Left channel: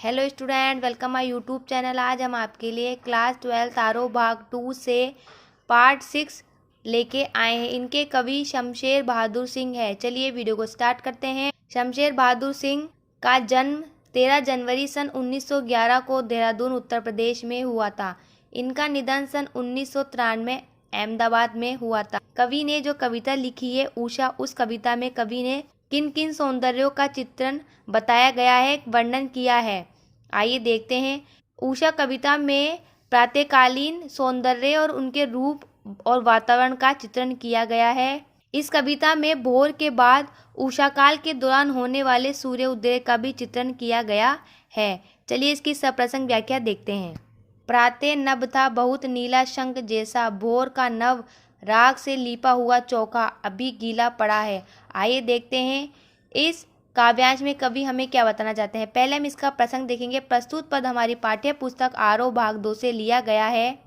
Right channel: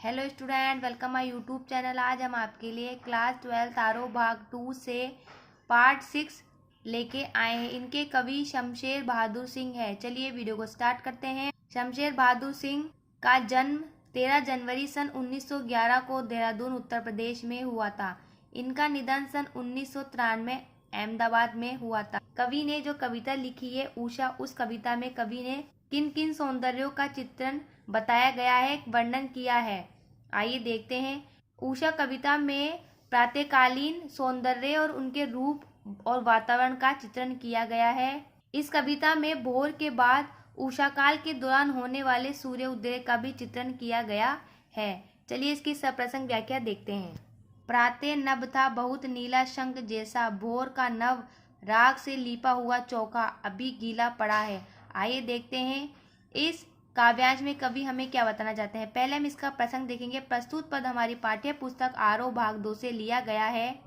Hello student, welcome my YouTube channel. आज हम आपके लिए क्लास 12 आरोह भाग 2 से पार्ट 6 लेके आए हैं। इनके कवि शमशेर बहादुर सिंह है। चलिए वीडियो को स्टार्ट करते हैं। शमशेर बहादुर सिंह का जन्म 13 जनवरी सन 1911 को देहरादून उत्तर प्रदेश में हुआ था। इनका निधन सन 1993 अहमदाबाद में हुआ था। कवि ने जो कविता लिखी है उषा, उस कविता में कवि ने किन किन सौंदर्यों का चित्रण बताया गया है, वर्णन किया है, आइए देखते हैं। उषा कविता में प्रातःकालीन सौंदर्य और उनके रूप और वातावरण का चित्रण किया गया है। इस कविता में भोर के बाद उषा काल के दौरान होने वाले सूर्य उदय का भी चित्रण किया गया है। चलिए इसकी सप्रसंग व्याख्या देखते हैं। प्रातः नभ था बहुत नीला शंख जैसा, भोर का नभ राग से लिपा हुआ चौका अभी गीला पड़ा है। आइए देखते हैं इस काव्यांश में कवि हमें क्या बताना चाहते हैं। पहले हम इसका प्रसंग देखेंगे। प्रस्तुत पद हमारी पाठ्य पुस्तक आरोह भाग 2 से लिया गया है।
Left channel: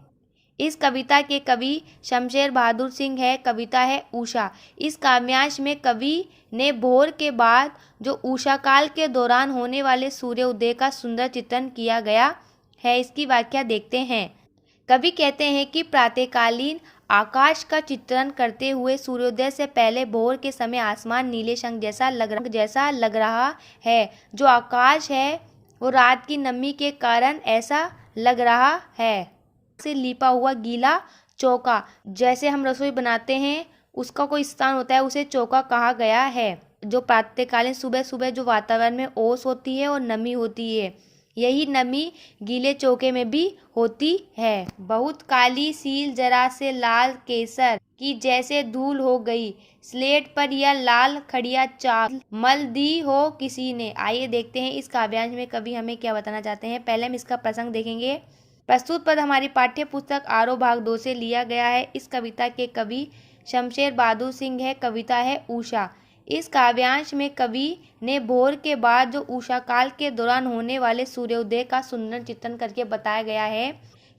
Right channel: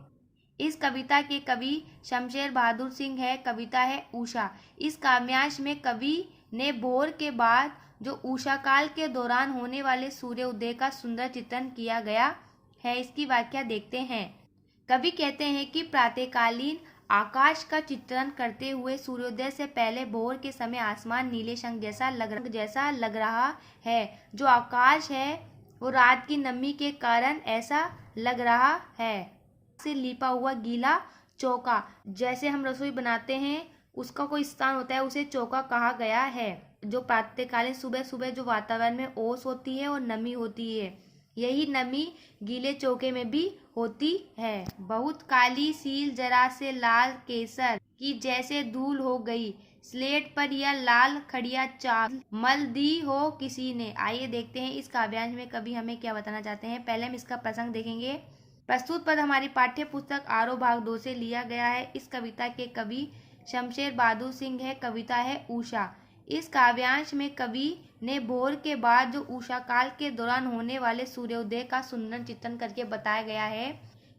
इस कविता के कवि शमशेर बहादुर सिंह है। कविता है उषा। इस काव्यांश में कवि ने भोर के बाद जो उषा काल के दौरान होने वाले सूर्य उदय का सुंदर चित्रण किया गया है। इसकी व्याख्या देखते हैं। कवि कहते हैं कि प्रातःकालीन आकाश का चित्रण करते हुए सूर्योदय से पहले भोर के समय आसमान नीले शंख जैसा लग रहा है। जो आकाश है वो रात की नमी के कारण ऐसा लग रहा है। से लिपा हुआ गीला चौका, जैसे हम रसोई बनाते हैं उसका कोई स्थान होता है, उसे चौका कहा गया है। जो प्रातःकालीन सुबह सुबह जो वातावरण में ओस होती है और नमी होती है, यही नमी गीले चौके में भी होती है। बहुत काली सील जरा से लाल केसर की जैसे धूल हो गई, स्लेट पर यह लाल खड़िया चाक मल दी हो किसी ने। आइए देखते हैं इस काव्यांश में कवि हमें क्या बताना चाहते हैं। पहले हम इसका प्रसंग देखेंगे। प्रस्तुत पद हमारी पाठ्य पुस्तक आरोह भाग 2 से लिया गया है। इस कविता के कवि शमशेर बहादुर सिंह है। कविता है उषा। इस काव्यांश में कवि ने भोर के बाद जो उषा काल के दौरान होने वाले सूर्योदय का सुंदर चित्रण करके बताया गया है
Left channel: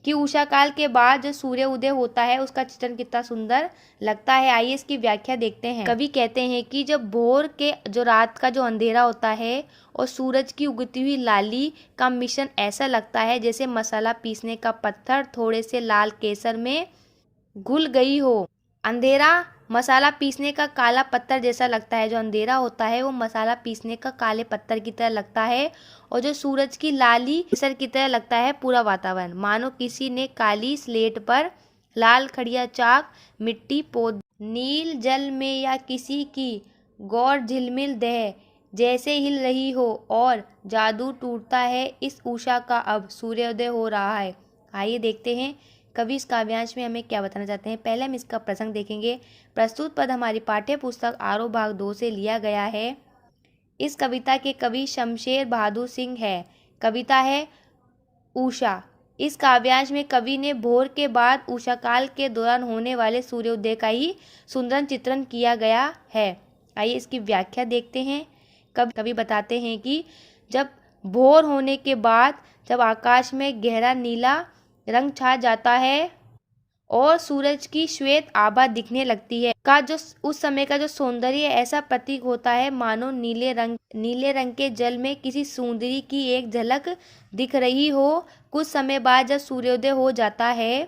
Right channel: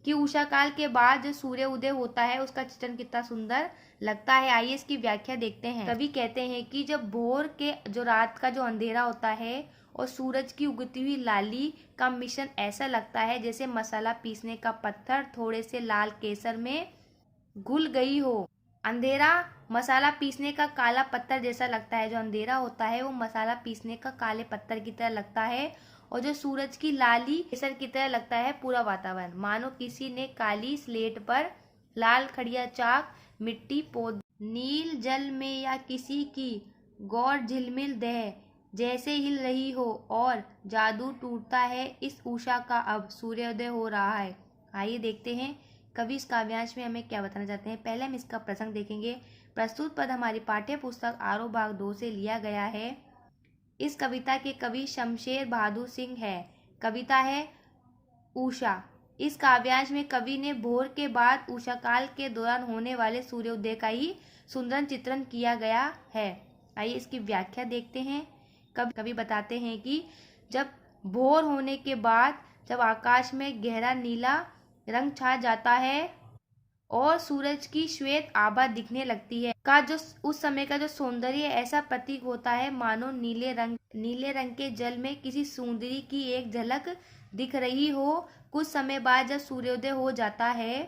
कि उषा काल के बाद जो सूर्य उदय होता है उसका चित्रण कितना सुंदर लगता है। आइए इसकी व्याख्या देखते हैं। कवि कहते हैं कि जब भोर के जो रात का जो अंधेरा होता है और सूरज की उगती हुई लाली का मिश्रण ऐसा लगता है जैसे मसाला पीसने का पत्थर थोड़े से लाल केसर में घुल गई हो। अंधेरा मसाला पीसने का काला पत्थर जैसा लगता है। जो अंधेरा होता है वो मसाला पीसने का काले पत्थर की तरह लगता है और जो सूरज की लाली केसर की तरह लगता है पूरा वातावरण। मानो किसी ने काली स्लेट पर लाल खड़िया चाक मिट्टी पोत, नील जल में या किसी की गौर झिलमिल देह जैसे हिल रही हो और जादू टूटता है इस उषा का, अब सूर्योदय हो रहा है। आइए देखते हैं कवि इस काव्यांश में हमें क्या बताना चाहते हैं। पहले हम इसका प्रसंग देखेंगे। प्रस्तुत पद हमारी पाठ्य पुस्तक आरोह भाग 2 से लिया गया है। इस कविता के कवि शमशेर बहादुर सिंह है। कविता है उषा। इस काव्यांश में कवि ने भोर के बाद उषा काल के दौरान होने वाले सूर्योदय का ही सुंदर चित्रण किया गया है। आइए इसकी व्याख्या देखते हैं। कवि बताते हैं कि जब भोर होने के बाद जब आकाश में गहरा नीला रंग छा जाता है और सूरज की श्वेत आभा दिखने लगती है का जो उस समय का जो सौंदर्य ऐसा प्रतीक होता है मानो नीले रंग के जल में किसी सुंदरी की एक झलक दिख रही हो। कुछ समय बाद जब सूर्योदय हो जाता है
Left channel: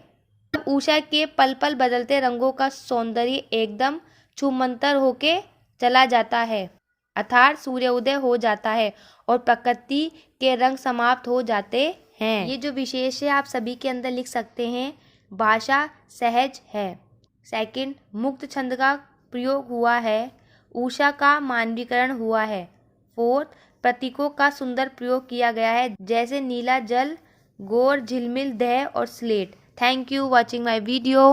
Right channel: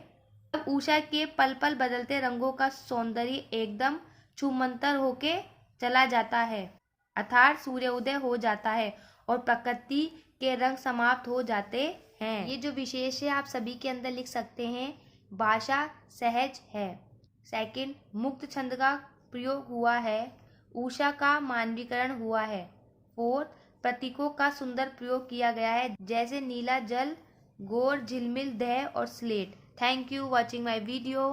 तब उषा के पल पल बदलते रंगों का सौंदर्य एकदम छूमंतर होके चला जाता है, अर्थात सूर्योदय हो जाता है और प्रकृति के रंग समाप्त हो जाते हैं। ये जो विशेष है आप सभी के अंदर लिख सकते हैं। भाषा सहज है। सेकंड, मुक्त छंद का प्रयोग हुआ है। उषा का मानवीकरण हुआ है। फोर्थ, प्रतीकों का सुंदर प्रयोग किया गया है जैसे नीला जल, गौर झिलमिल देह और slate. Thank you watching my video.